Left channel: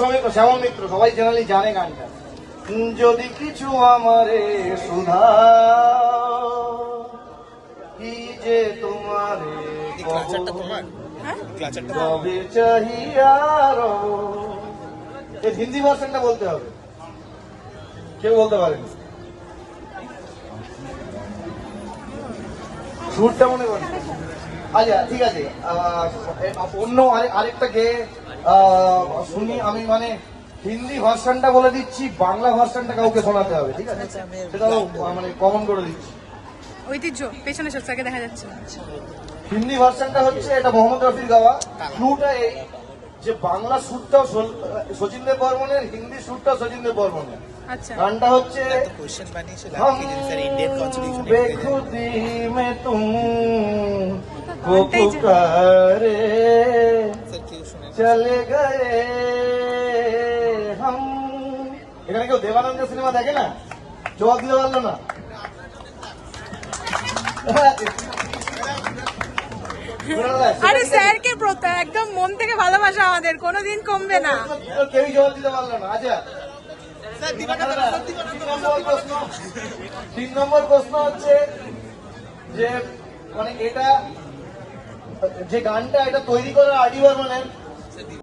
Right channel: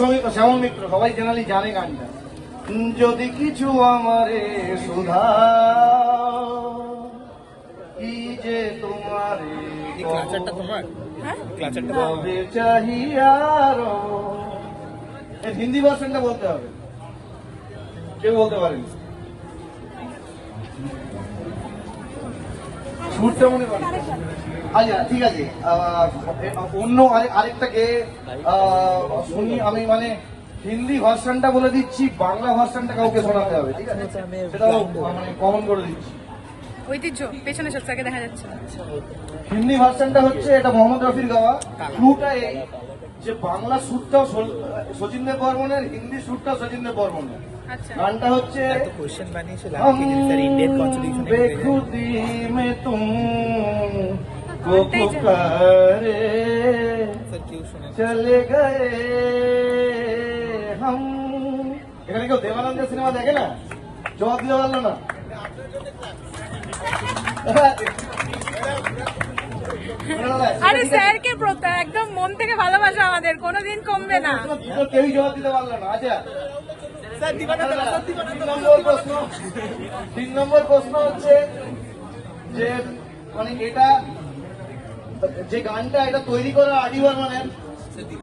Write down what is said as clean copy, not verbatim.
শ্যামল মিত্র, সবাই জেনারেলি জানে গানটা। যদি কিছু আমারে সুধা কি যে তোমারে কবে চাহিয়ার, হিন্দি ভার্সনটা বলতে হবে, কেউ বলতে পারেনি। সুরটা মনে করি। আচ্ছা ঠিক আছে, অন্য আরেকটা গেয়ে শুনি আমি, মানে হিন্দি ভার্সনটা বলে দিচ্ছি, বাংলা ভার্সনটা কাউকে শোনাতে হবে, ঠিক আছে? সেটাও মানে কমন করে দিচ্ছি। ঐতিহ্য পেছনে সবটাকে দেখা যাচ্ছে। হিন্দি ভার্সনটা হচ্ছে এটা মোহাম্মদ রফির গাওয়া। ক্লুটা এই যে বাংলা সুরটাও শচীন দেব বর্মনের, হিন্দি সুরটাও শচীন দেব বর্মনের। গানটা হচ্ছে हम बेखुदी में तुम को पुकारे चले गए हम। এখানে কেউ দেবানন্দ সিনেমা দেখে না? জবাব দিতে পারলো না। আরে স্যারকে একদম মন থেকে ভালোবাসা আমাদের, কোনোদিন কমবে না। কেউই জবাব দিতে পারলো না। আচ্ছা 3 নম্বর প্রশ্ন হচ্ছে যে মানে এটা যে গানটা এটা তৈরি করা আদি বর্মনের,